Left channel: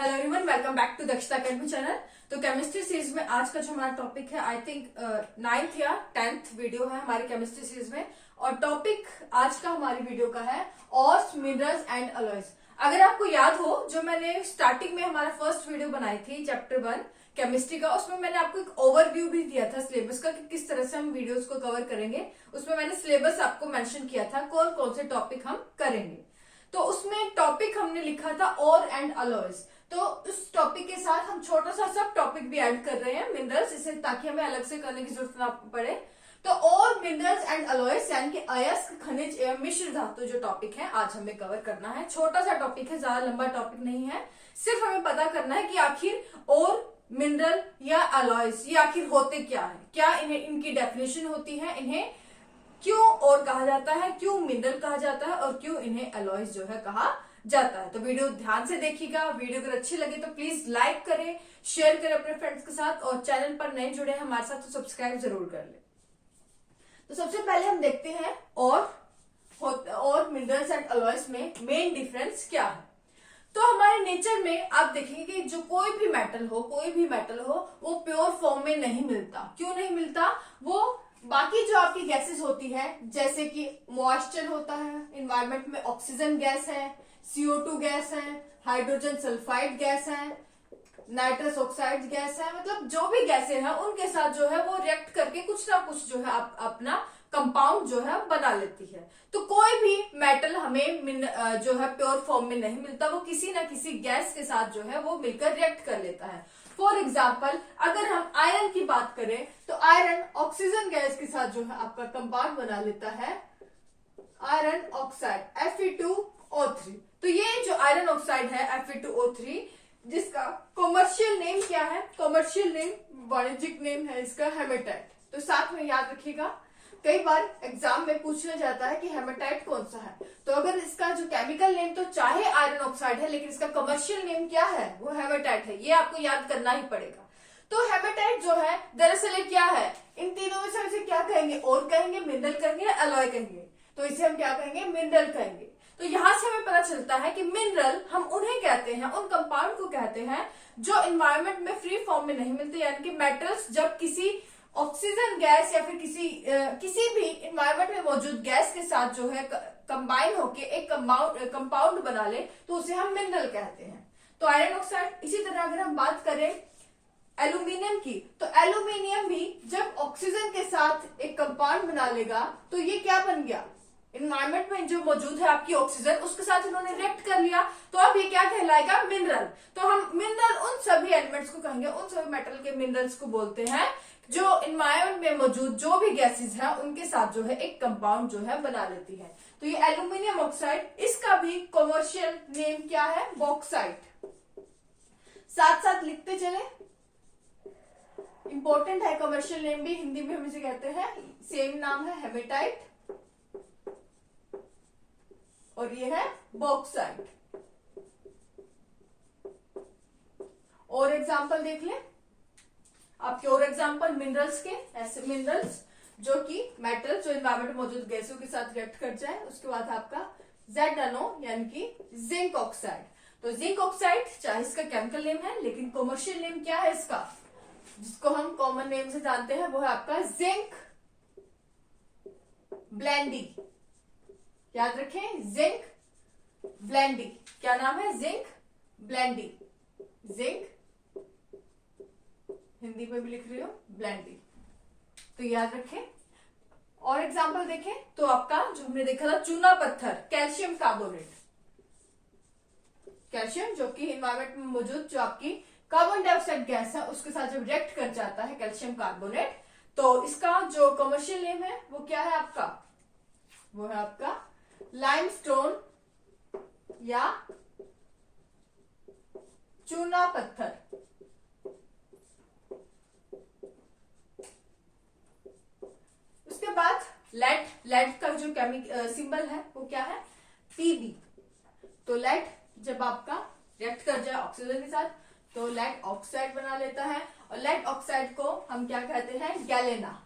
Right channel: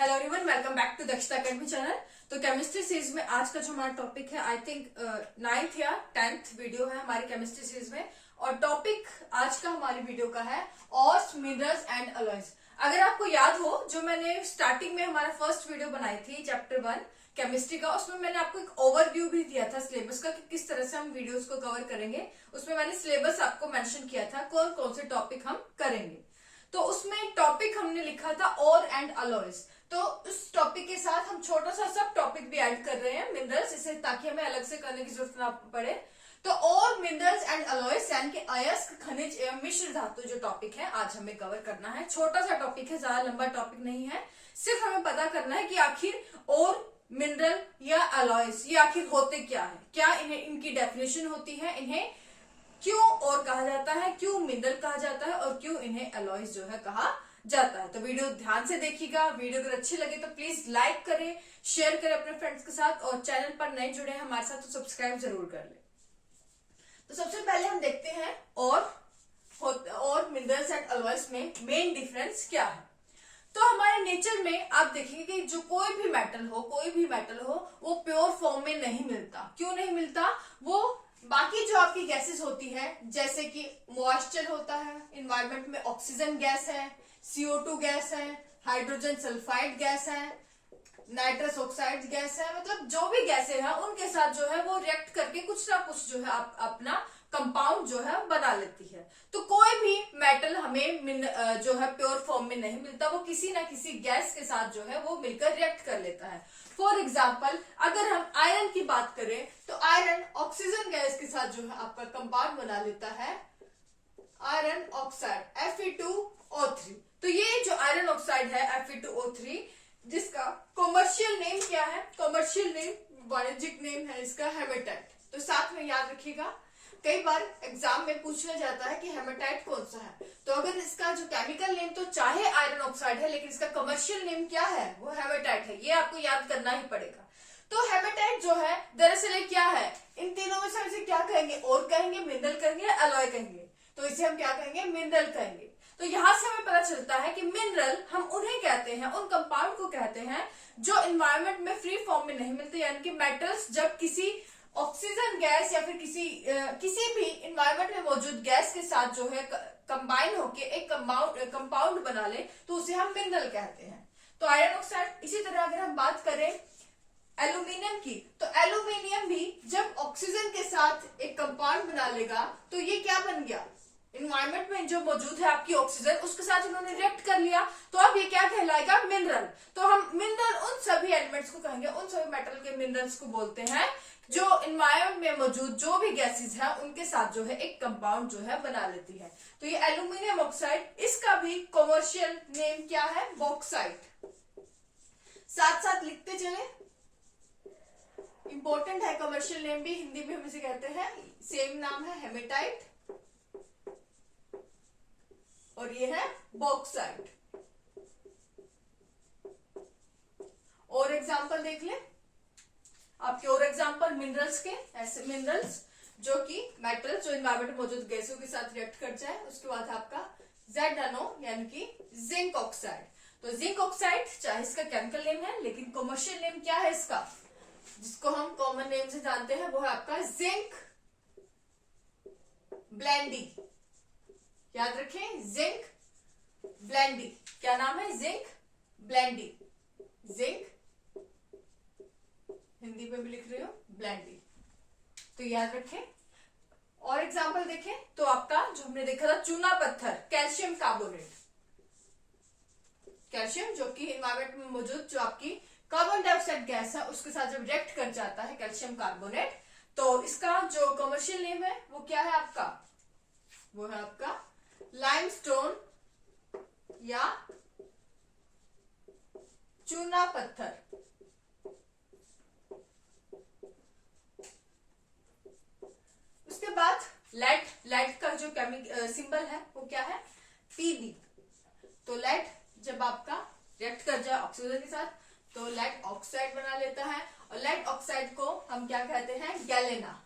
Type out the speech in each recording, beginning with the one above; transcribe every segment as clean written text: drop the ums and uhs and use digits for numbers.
Hello everyone, welcome back to Dakshata academy channel. तो chemistry series में आज का जो हमारा टॉपिक है, आई थिंक 9th या 10th वीडियो है हमारी केमिस्ट्री सीरीज में। और टॉपिक आज का हमारी वीडियो का है ऑर्स, मिनरल्स एंड अलॉयज। अगर आपको याद हो, जो मैंने स्टार्टिंग में हमारा फर्स्ट वीडियो बनाई थी चैप्टर 1 केमिस्ट्री का, उसमें मैंने आपको एक ओवरव्यू भी दिया था सिलेबस का कि किस तरह से हम वीडियोस को कवर करेंगे। उसमें मैंने सिलेबस आपको मेंशन किया था कौन कौन से टॉपिक हम करेंगे। तो उसमें टॉपिक हमने लिखा था और एंड अलॉयज। तो उस टॉपिक के साथ हम छोटा सा सब टॉपिक भी ऐड कर रहे हैं मिनरल्स, इसे ताकि हमें अलग से करने की जरूरत ना पड़े। तो और मिनरल्स एंड अलॉयज यानी कि अयस्क, खनिज एवं मिश्र धातु जो टॉपिक है आज हमें कवर करना है। छोटा सा टॉपिक है, ज्यादा लंबा टॉपिक नहीं है। सिर्फ हमें पता करना है कि आखिर और मिनरल या अलॉयज ये आखिर होते क्या है, क्या इन्हें इनकी डेफिनेशन होती है, इन्हें क्यों और कहा जाता है, क्यों मिनरल कहा जाता है और क्यों इन्हें अलॉयज जो है कहा जाता है। तो वीडियो ध्यान से देखिएगा। वीडियो अगर अच्छी लगे तो प्लीज लाइक करें, शेयर करें अपने फ्रेंड्स के साथ, और चैनल पर नए जुड़े हैं हमारे साथ तो सब्सक्राइब जरूर कर ले। तो सबसे पहले हम देखते हैं और मिनरल्स एंड अलॉयज में मेन डिफरेंस क्या है। तो हमारे नेचर में आप देखेंगे कि जो कोई भी मेटल हो वो प्योर फॉर्म में नहीं मिलता। क्यों नहीं मिलता? वो बाकी जो आपकी गैसेस होती है, जैसे कि मॉइस्चर होता है, इन्वायरमेंट में ऑक्सीजन गैस है, CO2 गैस है, हाइड्रोजन सल्फाइड गैस है, नाइट्रस ऑक्साइड गैस है, मतलब जो भी गैसें हैं उनके साथ जो है वो रिएक्ट करके कुछ ना कुछ जो है अपना कंपाउंड जो है बना लेती है। तो कोई भी मेटल हमें जो है प्योर फॉर्म में नहीं मिलता, वो किसी ना किसी गैस के साथ जो है वो मिलकर रिएक्ट कर लेता है। फॉर एग्जाम्पल अगर हम आयरन की बात करें तो आयरन ऑक्सीजन गैस के साथ जो है आपका कंपाउंड बना लेता है आयरन ऑक्साइड Fe2O3। तो ये जो आयरन ऑक्साइड है Fe2O3, जिसका कॉमर्शियल नेम क्या है? कॉमर्शियल नेम, वाणिज्यिक नेम है इसका हेमेटाइट। तो साथ में याद रखिएगा, कई बार एग्जाम में पूछा जाता है कि हेमेटाइट कौन सा है। तो अगर इसका जो केमिकल नेम तो चाहे आयरन ऑक्साइड है, लेकिन इसका कमर्शियल नेम क्या है? वो हेमेटाइट है। ये आपको याद करना ही पड़ेगा। तो हेमेटाइट जो है दरअसल ये क्या है? इन तीनों में से इसे क्या कहेंगे? और कहेंगे, मिनरल कहेंगे या अलॉय कहेंगे? तो इसे हम क्या कहेंगे? मिनरल कहेंगे। तो यहां से हमें पता चलता है कि मिनरल हम उन्हें कहते हैं, उन कंपाउंड को कहते हैं जो एनवायरमेंट में फ्री फॉर्म में नहीं मिलते, यानी कि मेटल्स जब किसी ऑक्सीजन गैस या फिर किसी भी एनवायरमेंट में मौजूद गैस के साथ जो है कंबाइन होके एक कंपाउंड बना ले तो उसे हम मिनरल कहते हैं। तो आयरन ऑक्साइड। इसी तरह अगर हम बात करें एल्यूमिनियम की, तो एल्यूमिनियम भी जब ऑक्सीजन के साथ एक कंपाउंड बना लेगा तो ये क्या बन गया? इन्वायरमेंट में जो मौजूद है आपकी ऑक्सीजन, उसके साथ उन्होंने रिएक्ट कर लिया, तो अब ये क्या कहलाएगा? मिनरल। तो हम मिनरल उन सभी एलिमेंट्स को कहेंगे, उन सभी मेटल के मिनरल्स को बोलते हैं जो इन्वायरमेंट में मौजूद जो भी गैसेस हैं उनके साथ जो है एक कंपाउंड जो है बना लेती है। तो ये एल्यूमिनियम ऑक्साइड, इसका भी कॉमर्शियल नेम क्या है? बॉक्साइट। साथ साथ लिखते चले, इंपॉर्टेंट है। कमर्शियल नेम भी हिंदी में हम इसे कहते हैं, सेम नाम है हेमेटाइट, और ये है बॉक्साइट। और एग्जांपल देख ले आपके, और एग्जांपल मिनरल्स के, ऐसे मिनरल्स जो कि मेटल जो एनवायरमेंट में मौजूद गैसों के साथ रिएक्ट कर जाए। उसके बाद है आपका ZnO यानी कि जिंक ऑक्साइड। तो जिंक ऑक्साइड चाहे इसका केमिकल नेम है, लेकिन कॉमर्शियल नेम क्या है इसका, जिसको हम कॉमन नेम से जानते हैं, वो है आपका जिंक ब्लेंडी। याद रखें, जिंक ब्लेंडी। क्या नाम है? जिंक ब्लेंडी। जिंक हिंदी में भी लिख रही हो ब्लेंडी, तो याद रखें। और एग्जांपल देखें तो आपका जो हमने देखा था चूना पत्थर, कैल्शियम कार्बोनेट। कैल्शियम जो कि एनवायरमेंट में मौजूद जो आपकी कार्बन डाइऑक्साइड गैस है उसके साथ जब रिएक्ट कर जाता है कैल्शियम कार्बोनेट, तो इसका जो कमर्शियल नेम है वो क्या है आपका? वो है आपका लाइमस्टोन या चूना पत्थर। उसके बाद लेड का जो सिंबल है वो क्या है? Pb। तो लेड जब आपका रिएक्ट कर जाए ऑक्सीजन के साथ तो लेड ऑक्साइड बना लेता है, और लेड ऑक्साइड को हम क्या कहते हैं? गैलेना।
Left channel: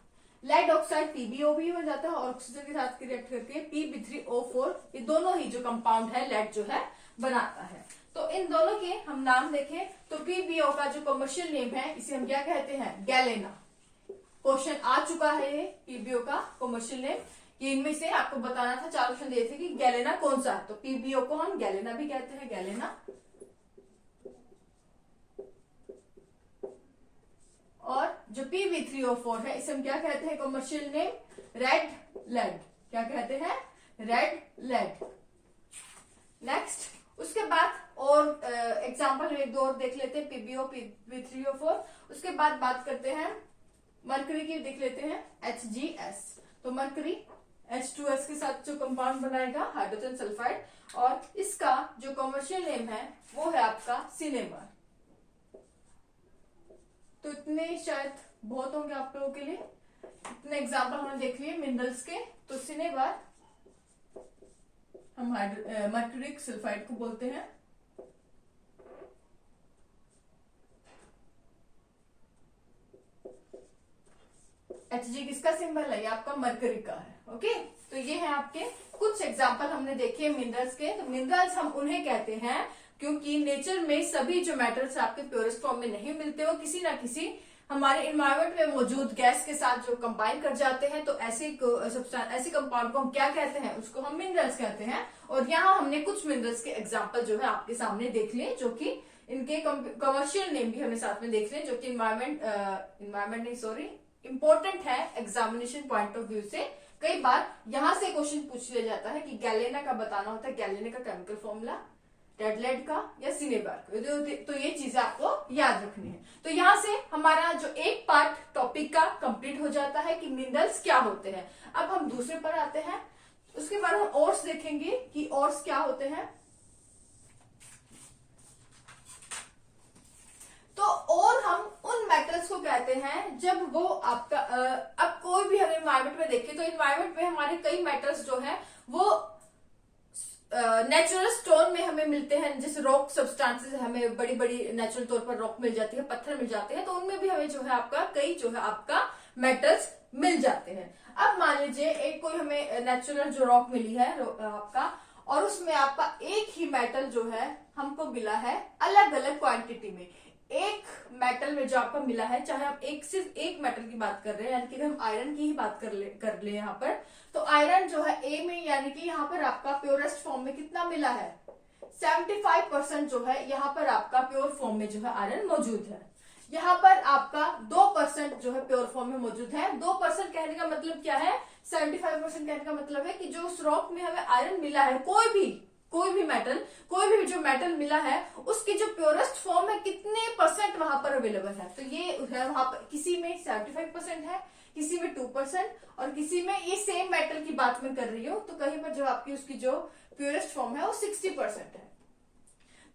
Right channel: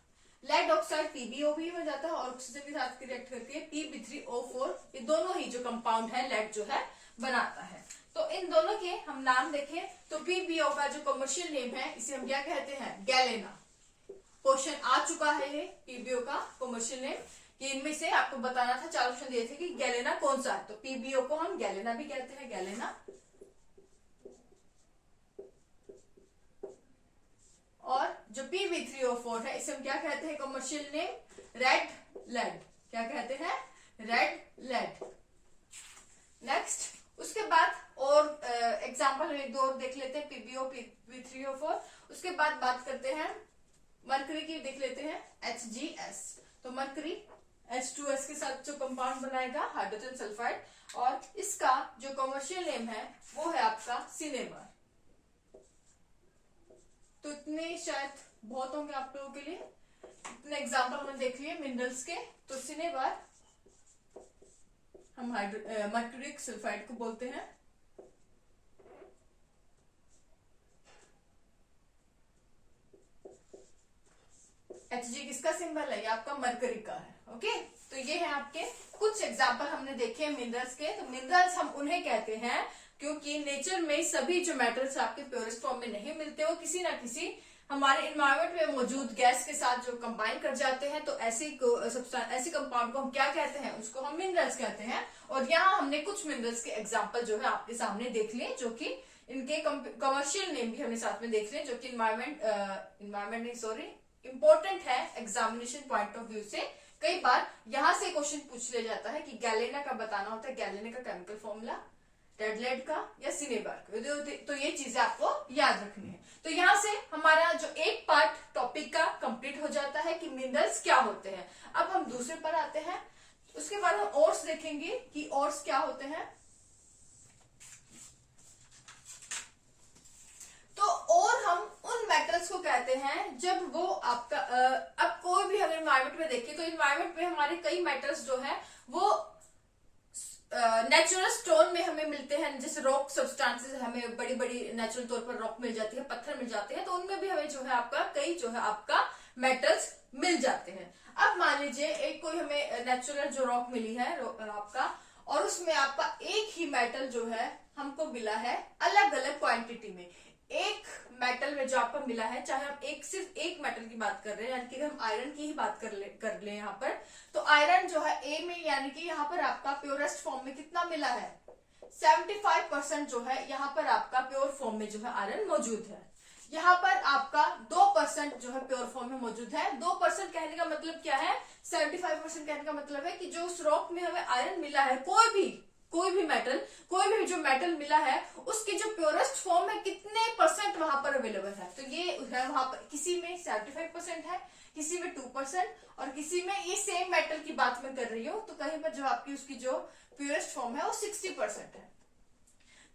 लेड ऑक्साइड PbO भी बन जाता है और ऑक्सीजन के साथ रिएक्ट करके Pb3O4, ये दोनों ही जो कंपाउंड है लेड जो है बनाता है। तो इन दोनों के हम नाम देखें तो पीबीओ का जो कमर्शियल नेम है इसे हम क्या कहते हैं, गैलेना। क्वेश्चन आ चुका है ये पीबीओ का कमर्शियल नेम, कि इनमें से आपको बताना था, 4 ऑप्शन दिए थे कि गैलेना कौन सा है। तो पीबीओ को हम गैलेना भी कहते हैं, गैलेना। और जो PB3O4 है इसे हम क्या कहते हैं कमर्शियल नेम, रेड लेड। क्या कहते हैं, रेड लेड। नेक्स्ट उसके बाद और एग्जांपल हम एक दो और देख लेते हैं, पीबीओ PB3O4। उसके बाद बात करते हैं मरकरी की, देख लेते हैं HGS। तो मरकरी H2S के साथ जो कंपाउंड बनाएगा हाइड्रोजन सल्फाइड, और इसका जो कमर्शियल नेम है वो है आपका सिनेबार। तो इतने शायद बहुत होंगे आप लोगों के लिए, इतने एग्जांपल हमने देख लिए मिनरल्स के। तो सिनेबार हम मर्क्यूरिक सल्फाइड को बोलते हैं। Hg किसका सिंबल है, ये आपका मरकरी का है। ओके, तो ये है आपके कुछ एग्जांपल हमने देखे मिनरल्स के। तो मिनरल्स हम उन्हें कहते हैं क्योंकि नेचर में सभी जो मेटल्स आपके प्योरेस्ट फॉर्म में नहीं मिलते, वो किसी ना किसी हमारे इन्वायरमेंट में मौजूद गैस के साथ जो कंबाइन कर जाते हैं। तो ऐसे कंपाउंड को हम क्या कहते हैं, उसको हम मिनरल्स कहते हैं। और यहाँ हमने कुछ मिनरल्स के एग्जांपल जो है आपके सामने देख लिए, जो कि इनके कमर्शियल नेम भी हमने साथ में देख लिए, जो कि इन्वायरमेंट नहीं सॉरी इंपॉर्टेंट है एग्जामिनेशन पॉइंट ऑफ व्यू से। कई बार यहां से क्वेश्चन पूछ लिया जाता है कि गैलेना का बताना होता है, गैलेना का केमिकल फॉर्मूला, रेड लेड का या सिनेबार का। तो ये चीजें आपको याद रखनी है। तो यहाँ से हमारा जो एक पार्ट टॉपिक का कंप्लीट हो जाता है कि मिनरल्स क्या होते हैं। अब हम दूसरे पर आते हैं, उसके बाद हम ओर्स देखेंगे कि ओर्स क्या होते हैं। तो और हम उन मेटल्स को कहते हैं जब वो आपका अब कोई भी अगर इन्वायरमेंट में देखें तो इन्वायरमेंट में हमारे कई मेटल्स जो है वो नेचुरल स्टोन में हमें मिलते हैं। जैसे रॉक सब्सटेंसेस हमें बड़ी बड़ी नेचुरल तौर पर रॉक मिल जाती है, पत्थर मिल जाते हैं, तो उनमें भी हमें जो है आपका कई जो है आपका मेटल्स मिल जाते हैं। अब मान लीजिए एक कोई हमें नेचुरल जो रॉक मिली है आपका, और उसमें आपका एक ही मेटल जो है हमको मिला है अलग अलग क्वांटिटी में। एक मेटल में जो आपको मिला है, चाहे हम सिर्फ एक मेटल की बात कर रहे हैं, यानी कि हम आयरन की ही बात कर ले यहाँ पर, तो आयरन जो है ए में, यानी कि यहाँ पर आपका प्योरेस्ट फॉर्म में कितना मिला है, 75% जो है यहाँ पर आपका प्योर फॉर्म में जो है आयरन मौजूद है। यहाँ पर आपका 2% जो है प्योर फॉर्म में मौजूद है। 2% कहने का मतलब क्या है, 75% कहने का मतलब है कि जो उस रॉक में हमें आयरन मिला है, कोई भी जो मेटल मिला है उसकी जो प्योरेस्ट फॉर्म है कितने परसेंट वहां पर अवेलेबल है। तो ये है वहां पर किसी में 75% है, किसी में 2% और किसी में, ये सेम मेटल की बात मैं कर रही हूँ, तो कहीं पर जो आपकी उसकी जो प्योरेस्ट फॉर्म है वो 60% है।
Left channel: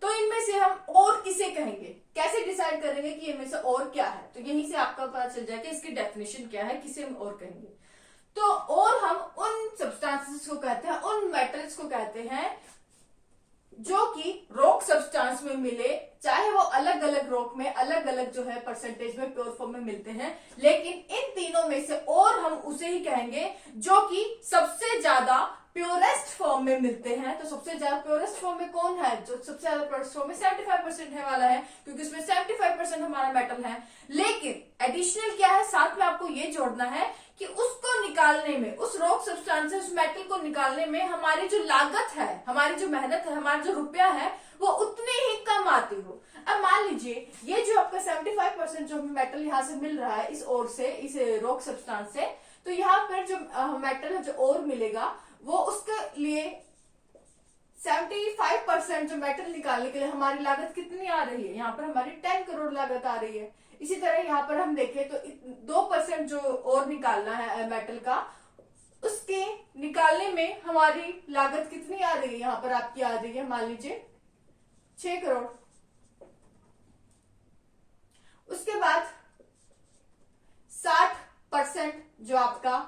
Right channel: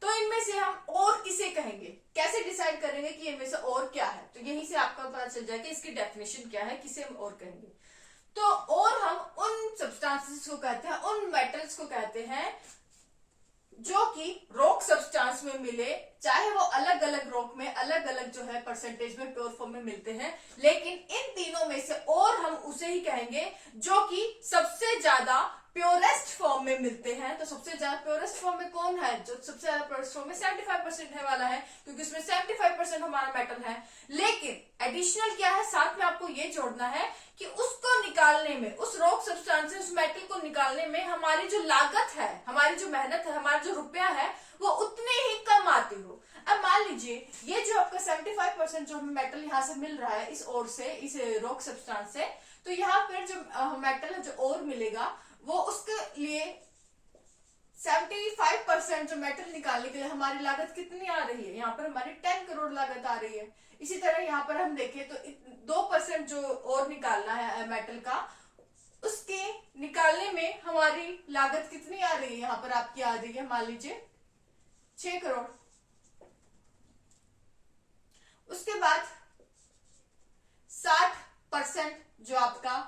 तो इनमें से हम और किसे कहेंगे, कैसे डिसाइड करेंगे कि इनमें से और क्या है, तो यहीं से आपका पता चल जाएगा इसकी डेफिनेशन क्या है, किसे हम और कहेंगे। तो और हम उन सब्सटेंसेस को कहते हैं, उन मेटल्स को कहते हैं जो कि रॉक सब्सटेंस में मिले, चाहे वो अलग अलग रॉक में अलग अलग जो है परसेंटेज में प्योर फॉर्म में मिलते हैं, लेकिन इन तीनों में से और हम उसे ही कहेंगे जो कि सबसे ज्यादा प्योरेस्ट फॉर्म में मिलते हैं। तो सबसे ज्यादा प्योरेस्ट फॉर्म में कौन है, जो सबसे ज्यादा प्योरेस्ट फॉर्म में 75% है वाला है, क्योंकि उसमें 75% हमारा मेटल है। लेकिन एडिशनल क्या है, साथ में आपको ये जोड़ना है कि उसको निकालने में, उस रॉक सब्सटेंस से उस मेटल को निकालने में हमारी जो लागत है, हमारी जो मेहनत है, हमारा जो रुपया है, वो उतने ही कम आती हो। अब मान लीजिए ये जो आपका 75% जो हमें मेटल यहाँ से मिल रहा है इस ओर से, इस रॉक सब्सटेंस से, तो यहाँ पर जो मेटल है जो और मिलेगा वो उसके लिए 75% जो मेटल निकालने के लिए हमारी लागत कितनी आ रही है, यहाँ पर हमारी 10 करोड़ लागत आ रही है। इसी तरह यहाँ पर हम देखें तो 2% जो और निकालना है मेटल का, उसके निकालने में हमारी लागत कितनी आ रही है, यहाँ पर आपकी आ रही है मान लीजिए 6 करोड़। उसके बाद 60% जो आपका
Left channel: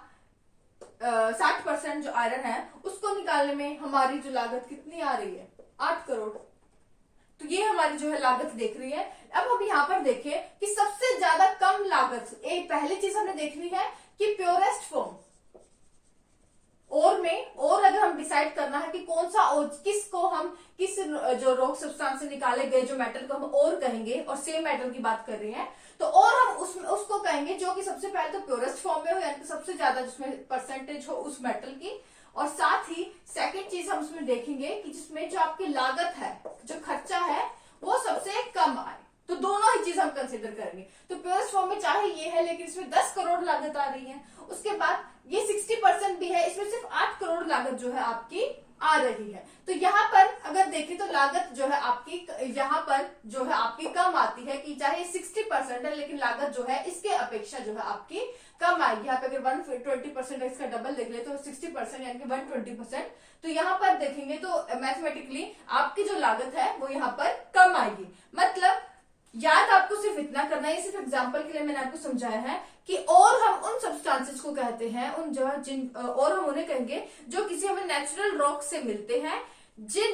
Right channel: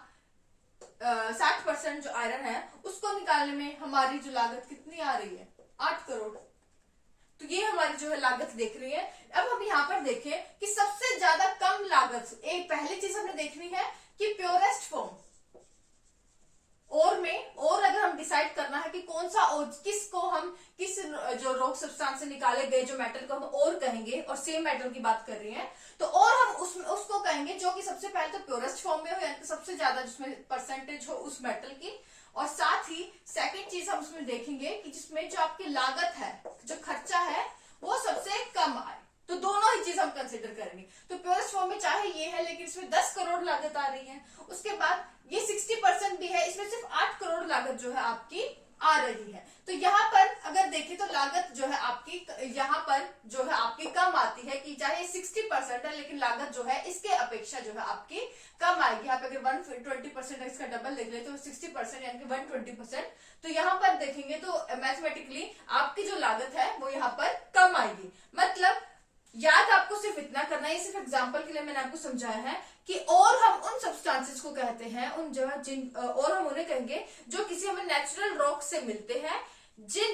60% जो आयरन है उसको निकालने में हमारी जो लागत कितनी आ रही है, 8 करोड़। तो ये हमारी जो है लागत देख रही है। अब हम यहाँ पर देखें कि सबसे ज्यादा कम लागत, एक पहली चीज हमने देखनी है कि प्योरेस्ट फॉर्म, और में और अगर हम डिसाइड करना है कि कौन सा और किसको हम किस जो रॉक सब्सटेंस से निकाले गए जो मेटल को हम और कहेंगे, और सेम मेटल की बात कर रहे हैं, तो और हम उसको कहेंगे जो कि सबसे पहले तो प्योरेस्ट फॉर्म में हो, यानी कि सबसे ज्यादा जिसमें परसेंटेज हो उस मेटल की, और साथ ही सेकंड चीज हम उसमें देखेंगे कि जिसमें जो आपकी लागत है, जो खर्चा है, वो सबसे कम आए। तो दोनों ही चीज हम कंसिडर करेंगे। तो प्योरेस्ट फॉर्म में चाहे ये है लेकिन इसमें 10 करोड़ लागत आ रही है, उसके बाद ये 60% भी है, इसमें सिर्फ 8 करोड़ लागत जो है आपकी आ रही है। तो यहाँ पर अगर देखें तो लागत जो है आपकी यहाँ पर जो है आपकी कम आती है, कि चाहे 60% है लेकिन लागत जो है इसके अपेक्षा जो है आपकी कम आएगी। यहाँ पे अगर 120% इसका डबल देख ले तो 60% यानी कि 120%। तो यहाँ पर देखेंगे तो मैथमेटिकली आपकी जो लागत है वो यहाँ पर कम आएगी। मतलब याद आपको सिर्फ इतना करना है, सिर्फ एग्जांपल के लिए मैंने आपको समझाया है कि और हम उन सब्सटेंसेस को कहते हैं, उन और हम उन्हें कहेंगे जो किसी हमें नेचुरल रॉक से मिलते हैं,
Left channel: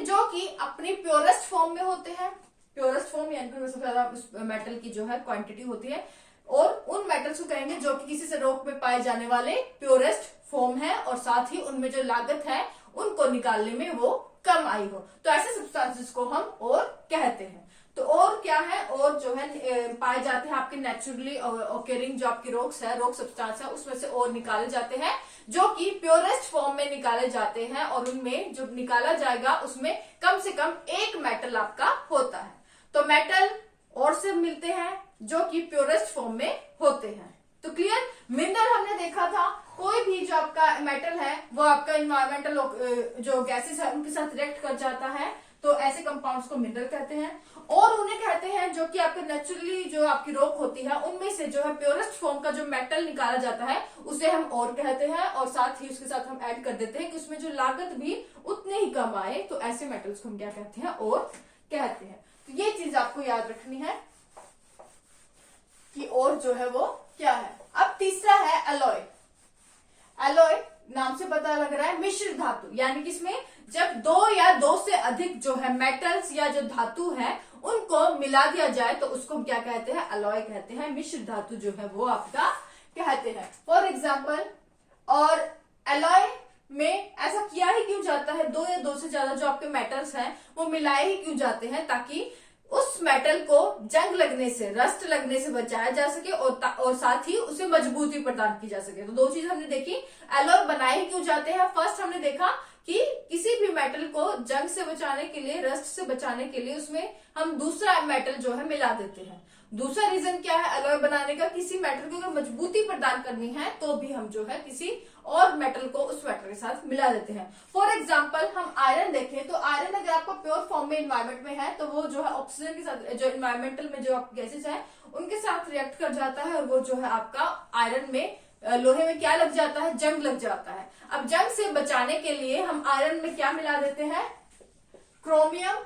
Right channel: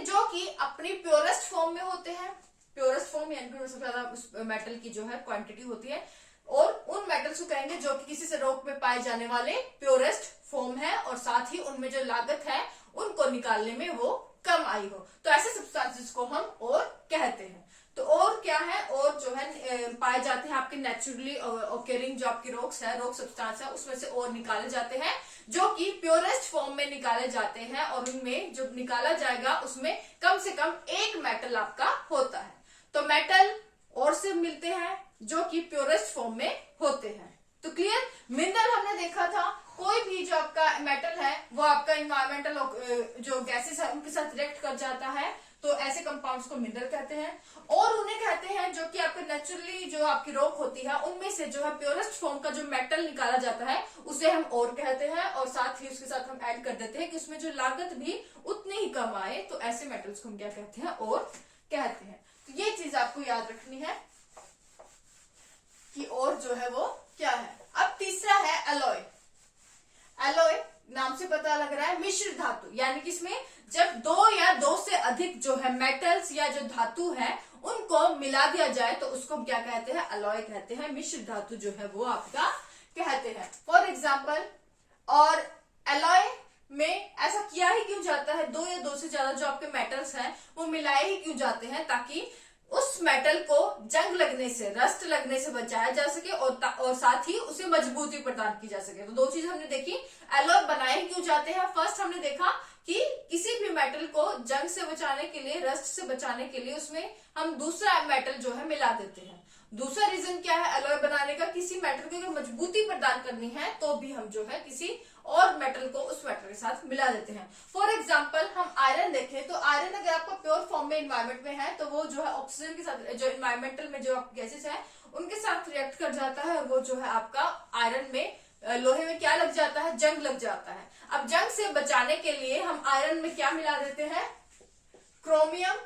जो कि अपनी प्योरेस्ट फॉर्म में होते हैं। प्योरेस्ट फॉर्म यानी कि सबसे ज्यादा मेटल की जो है क्वांटिटी होती है, और उन मेटल्स को कहेंगे जो कि किसी से रॉक में पाए जाने वाले प्योरेस्ट फॉर्म है, और साथ ही उनमें जो लागत है उनको निकालने में वो कम आई हो। तो ऐसे सब्सटेंसेस को हम और कहते हैं। तो और क्या है, और जो है पाए जाते हैं आपके नेचुरली ओकरिंग जो आपकी रॉक्स है, रॉक सब्सटेंस है, उसमें से और निकाले जाते हैं जो कि प्योरेस्ट फॉर्म में निकाले जाते हैं, और उनमें जो निकाला जाएगा उसमें कम से कम एक मेटल आपका होता है। तो मेटल और से मिलते हैं जो कि प्योरेस्ट फॉर्म में होते हैं। तो क्लियर। मिनरल हमने देखा था, कोई भी जो आपका मेटल है वो आपका इन्वायरमेंटल जो गैसेस है उनके साथ रिएक्ट कर जाता है, तो ऐसे कंपाउंड्स को मिनरल कहते हैं। और उन्हें कहते हैं जो कि आपके नेचुरली जो आपकी रॉक होती है उनमें से जो है प्योरेस्ट फॉर्म का जो मेटल निकाला जाता है उसे हम और कहते हैं, और साथ ही उसके साथ हम ऐड कर देते हैं कि उसमें जो लागत भी उतनी ही कम आए। तो ऐसे मेटल्स को हम क्या कहते हैं, और कहते हैं। तो ये चीज आपको याद रखनी है कि और जो है वो क्या है। अब तीसरा है एलॉय। एलॉय नाम से पता लग रहा है मिश्र धातु, यानी कि इसमें जब दो या दो से अधिक जो है मेटल्स या जो धातु है उनको मिला दिया जाए तो उसको हम क्या कहते हैं, एलॉय कहते हैं। मिश्र धातु जो है वो आपका कहते हैं। फॉर एग्जाम्पल, और एलॉय में ऐसा किया ही क्यों जाता है, दो या दो से ज्यादा जो आपके मेटल्स हैं वो मिलाए ही क्यों जाते हैं, ताकि उस मेटल को जंग लगने से, रस्ट लगने से बचाया जा सके, और साथ ही उसे मजबूती प्रदान की जा सके। तो दो चीज हमने देखी, एलॉय बनाए क्यों जाते हैं। फर्स्ट हमने देखा कि किसी भी मेटल को जंग से बचाने के लिए, रस्ट से बचाने के लिए उसमें हम दूसरा मेटल जो है मिला देते हैं। दूसरा रीजन क्या है एलॉय बनाने का, किसी मेटल को अगर मजबूती प्रदान करनी है तो भी हम जो है किसी और मेटल को उस मेटल के साथ मिला देते हैं। फॉर एग्जाम्पल हम आयरन देखें तो आयरन अगर आपका प्योर फॉर्म में इन्वायरमेंट में है तो वो जो है ऑक्सीजन के साथ, जो इन्वायरमेंटल में जो गैसेस है उनके साथ रिएक्ट कर जाता है, और वो जो है आपका आयरन में, लोहे में क्या लग जाता है, जंग लग जाता है। अब जंग से बचाने के लिए हम आयरन में क्या मिला देते हैं, क्रोमियम,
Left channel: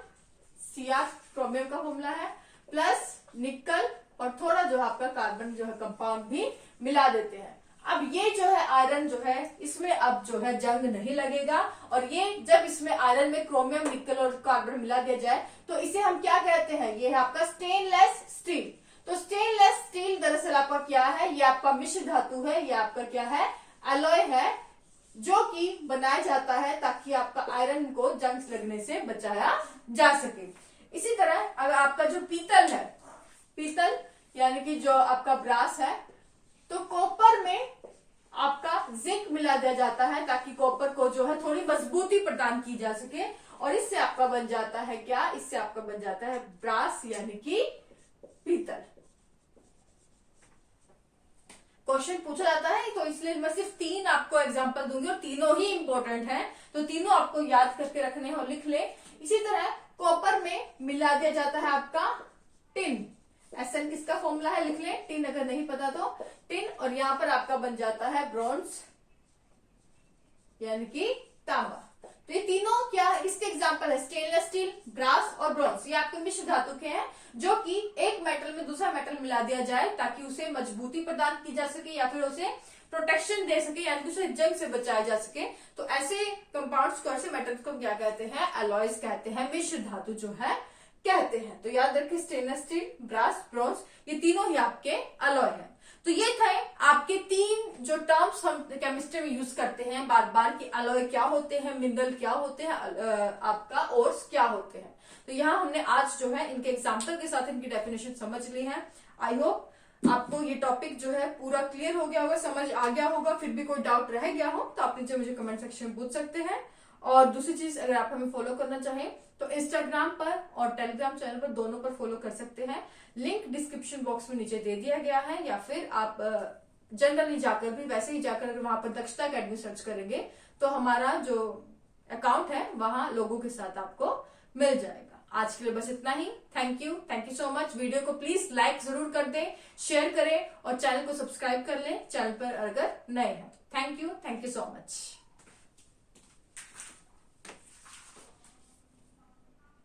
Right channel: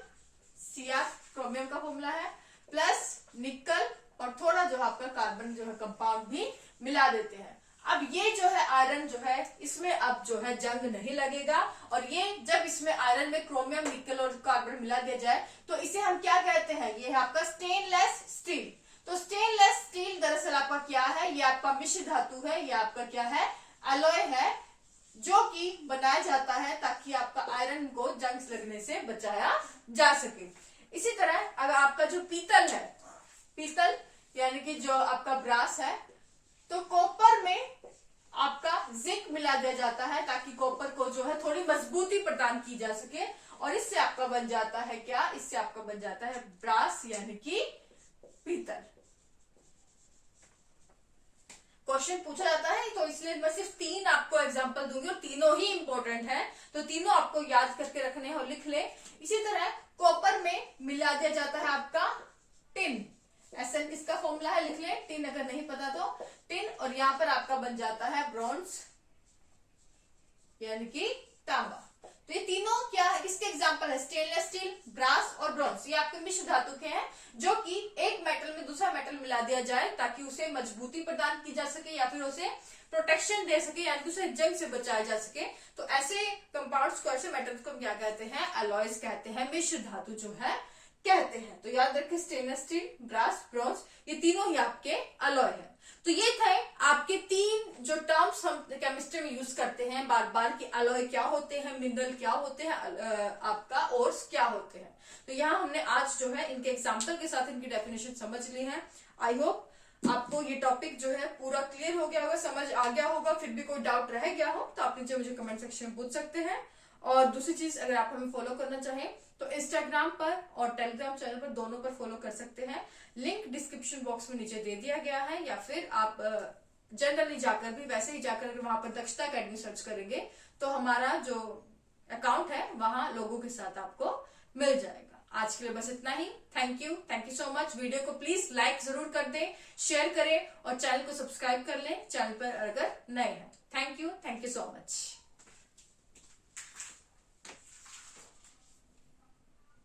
Cr क्रोमियम का फॉर्मूला है, प्लस निकल और थोड़ा जो आपका कार्बन जो है कंपाउंड भी मिला देते हैं। अब ये जो है आयरन जो है इसमें अब जो है जंग नहीं लगेगा, और ये जब इसमें आयरन में क्रोमियम, निकल और कार्बन मिला दिया जाए तो इसे हम क्या कहते हैं, ये है आपका स्टेनलेस स्टील। तो स्टेनलेस स्टील दरअसल आपका क्या है, ये आपका मिश्र धातु है, ये आपका क्या है, एलॉय है, जो कि बनाया जाता है ताकि आपका आयरन को जंग लगने से बचाया जा सके। इसी तरह अगर आपका जो पीतल है, पीतल यानी कि जो आपका ब्रास है, तो कॉपर में आपका जिंक मिला दिया जाता है ताकि कॉपर को जो है थोड़ी मजबूती प्रदान की जा सके, और इससे आपका बन जाता है क्या, इससे आपका बन जाता है ब्रास यानी कि पीतल। क्वेश्चन पूछा जाता है तो इसलिए मैं सिर्फ 3 आपको एग्जांपल दूंगी, और तीनों ही इंपॉर्टेंट हैं, तो तीनों आपको याद करके रखने हैं और लिख ले। इसी तरह कॉपर में मिला दिया जाता है आपका टिन, एसएन किसका फॉर्मूला है लिख ले, टिन अगर नहीं पता तो टिन, और यहां पर आपका बन जाता है ब्रॉन्ज यानी कि तांबा। तो ये तीनों क्या है, किसके एग्जांपल है, स्टेनलेस स्टील, ब्रास और ब्रॉन्ज। ये आपके मिश्र धातु के हैं जो कि एक मेटल में दूसरा मेटल मिला दिया जाए ताकि उसे मजबूती प्रदान की जा सके या फिर उसे प्रोटेक्शन दे सके, यानी कि उसे जंग से बचाया जा सके। तो ऐसे कंपाउंड्स को, ऐसे मेटल्स को हम क्या कहते हैं, एलॉयज कहते हैं, मिश्र धातु जो है कहते हैं। तो याद रखिए स्टेनलेस स्टील, ब्रास, ब्रॉन्ज ये तीनों ही आपके एलॉय है। तो ये थे आपके 3 जो टर्म्स हम केमिस्ट्री में यूज करते हैं बार बार कि अलॉय क्या होते हैं, मिनरल क्या होते हैं, आपका ओर्स क्या होते हैं। तो यहाँ हमने आज जो है इनके एग्जाम्पल के साथ इनकी डेफिनेशन समझ ली है। आई होप आपको ये टॉपिक जो है पूरा क्लियर हो गया होगा, समझ आ गया होगा। फिर भी कोई डाउट रह गया हो तो आप नीचे मुझे कमेंट सेक्शन में पूछ सकते हैं। और दूसरी चीज, अगर आप हमें फॉलो करना चाहें तो इंस्टाग्राम पर और टेलीग्राम चैनल पर दोनों पर फॉलो कर सकते हैं। लिंक डिस्क्रिप्शन बॉक्स में नीचे दे दिया गया है, या फिर आप जनरली जाकर भी, वैसे ही जाकर अगर वहां पर दक्षता अकेडमी सर्च करेंगे तो हमारा जो अकाउंट है वहां लोगों के साथ आपको मिल जाएगा। आज के लिए बस इतना ही। Thank you so much. Video को प्लीज लाइक जरूर कर दें, शेयर करें और चैनल को सब्सक्राइब कर लें चैनल पर अगर नए हैं। Thank you so much.